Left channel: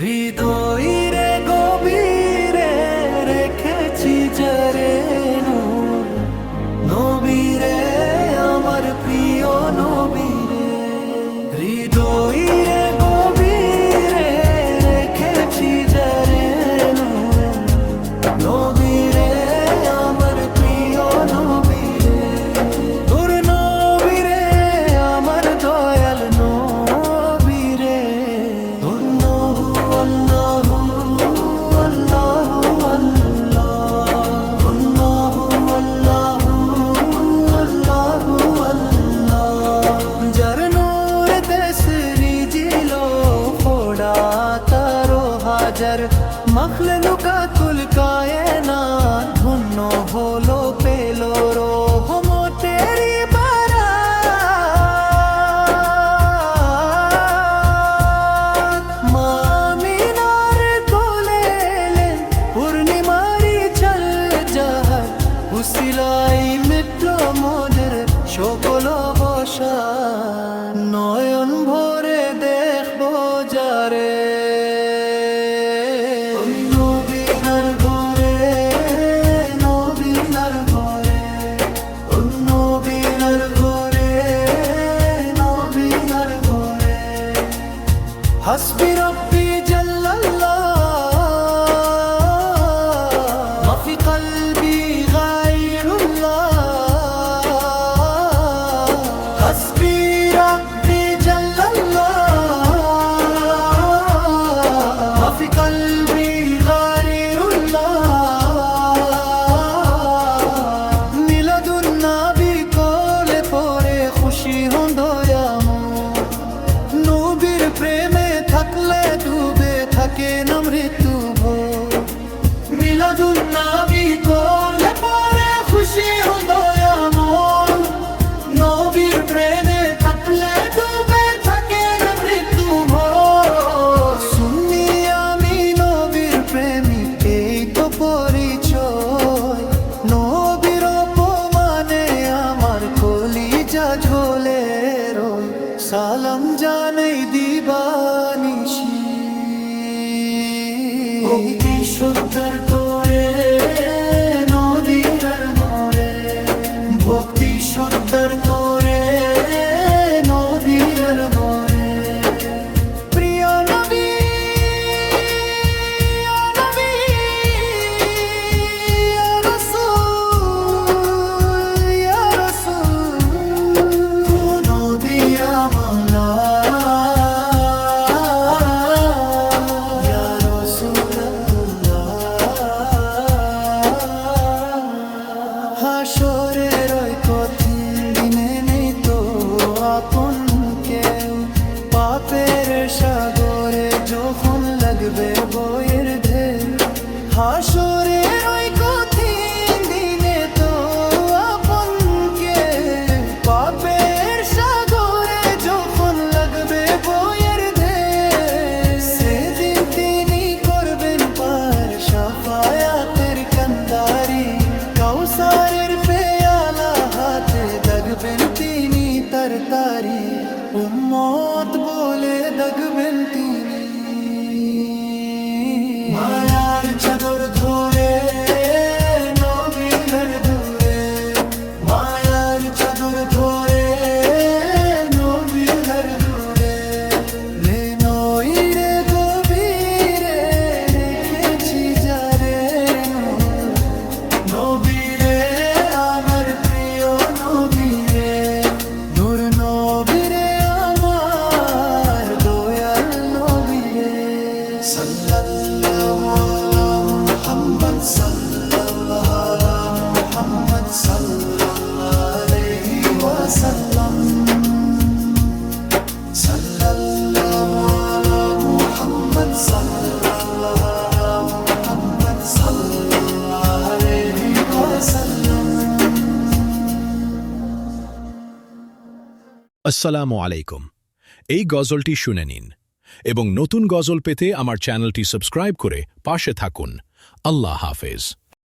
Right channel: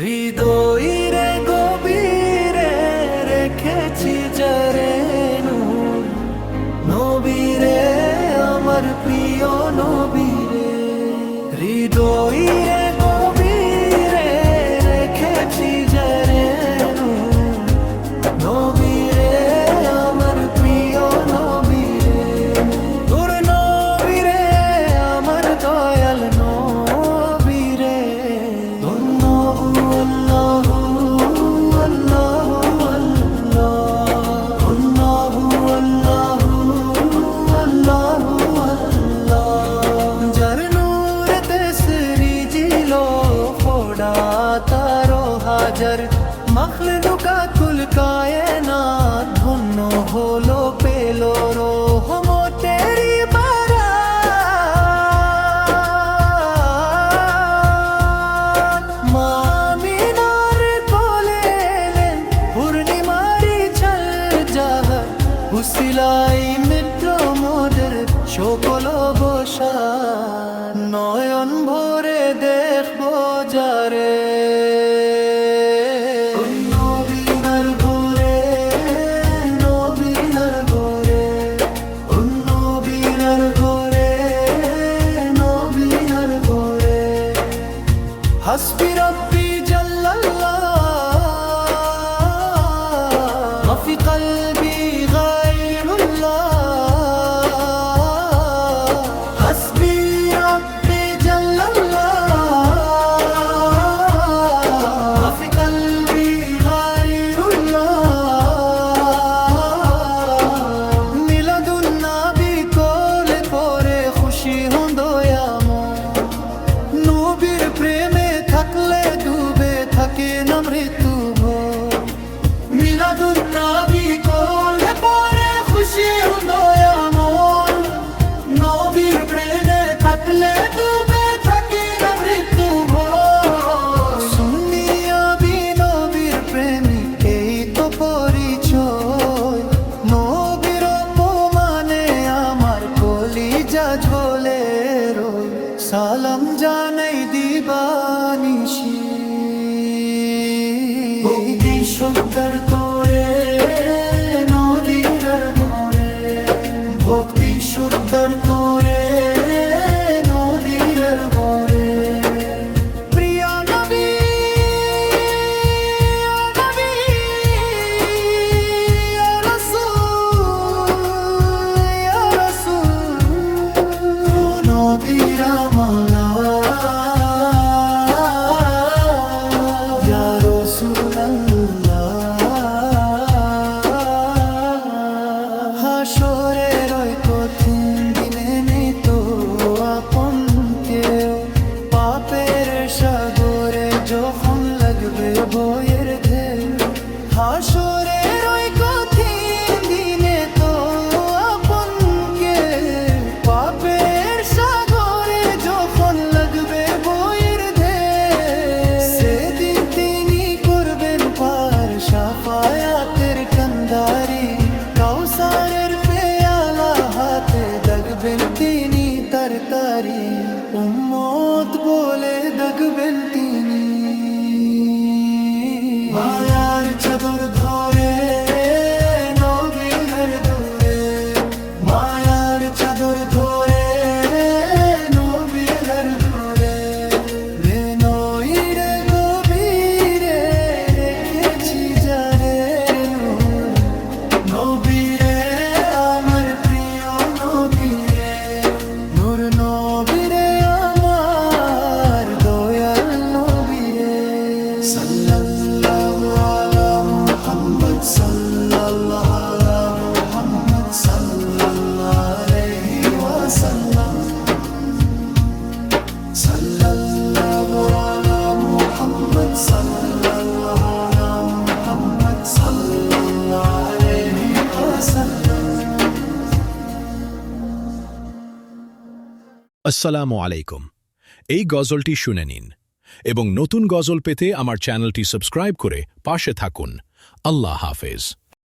হৃদয়ের গভীরে রেখেছি যারে নূর, নবীরে আমার প্রিয় নবীরে। হৃদয়ের গভীরে রেখেছি যারে নূর, নবীরে আমার প্রিয় নবীরে। তোর নবীরে আমার দয়াল নবীরে। তোর নহু আল্লাহু আল্লাহু আল্লাহ, তোর নহু আল্লাহু আল্লাহু আল্লাহ। যার নূরে তেসরি জিলো ফোড়া তারো হাজার, মখলুকাতুল কায়নাত ধন্য হলো পেলো রহমতেরি বারাত। মা আমিনার কোলে এলেন পূর্ণিমারি ছল জাহার, উসিলাই মিটল মোদের সকল অবসাদ। নয়ন ভরে দেখবো যারে নবীনার ঘরে, নবীনার ঘরে, নবীনার ঘরে, নবীনার ঘরে। হাসবি রব্বি জাল্লাল্লাহ মাফি কলবি গায়রুল্লাহ। হাসবি রব্বি জাল্লাল্লাহ মাফি কলবি গায়রুল্লাহ। মিলাদুন নবী কোলে পরে খুশি হন দয়াময়, নবীর প্রেমে থাকলে ডুবে থাকে না মৃত্যু ভয়। মিলাদুন নবী কোলে পরে খুশি হন দয়াময়, নবীর প্রেমে থাকলে ডুবে থাকে না মৃত্যু ভয়। সুন্নি আমি নবীর প্রেমিক, এই তো পরিচয়। নবীর অপমানে আমার কলিজা ঝোলে রই, সালাম জানাই দিবানিশি। ভক্তি শুদ্ধর তোরে নদীর মোরে, ভক্তি শুদ্ধর তোরে নদীর মোরে। প্রিয় নবী ইয়া নবী ইয়া রাসূল ইয়া রাসূল, নবীর আমলা ইয়া রাসূলুল্লাহ। হাসরের ওই কঠিন দিনে নেই তো আপন কেউ, পাপের সাগরে যখন লাগবে বয়ের ঢেউ। হাসরের ওই কঠিন দিনে তো আপন কেউ, পাপের সাগরে যখন লাগবে বয়ের ঢেউ। সেদিন তিনি করবেন পার শাফায়াতের কান্দারি, কাউসারের পেয়ালা হাতে দাগবেন তিনি তারতারি, উম্মত বলে দাগবেন তিনি। মায়ার চাদর ধরে নবীর ঘর ধরে, মায়ার চাদর ধরে নবীর ঘর ধরে। লে নইরে গভীরে রেখেছি যারে নূর, নবীরে আমার প্রিয় নবীরে। নূর নবীরে আমার দয়াল নবীরে। সাল্লাল্লাহু আলা মুহাম্মদ, সাল্লাল্লাহু আলা মুহাম্মদ, সাল্লাল্লাহু আলাইহি ওয়াসাল্লাম। সাল্লাল্লাহু আলা মুহাম্মদ, সাল্লাল্লাহু আলা মুহাম্মদ, সাল্লাল্লাহু আলাইহি ওয়াসাল্লাম। আসসালামু আলাইকুম। এই গজলটি শুনে নিন এবং নতুন গজল পেতে আমার চ্যানেলটি সাবস্ক্রাইব করে পাশে থাকুন। আল্লাহ হাফেজ।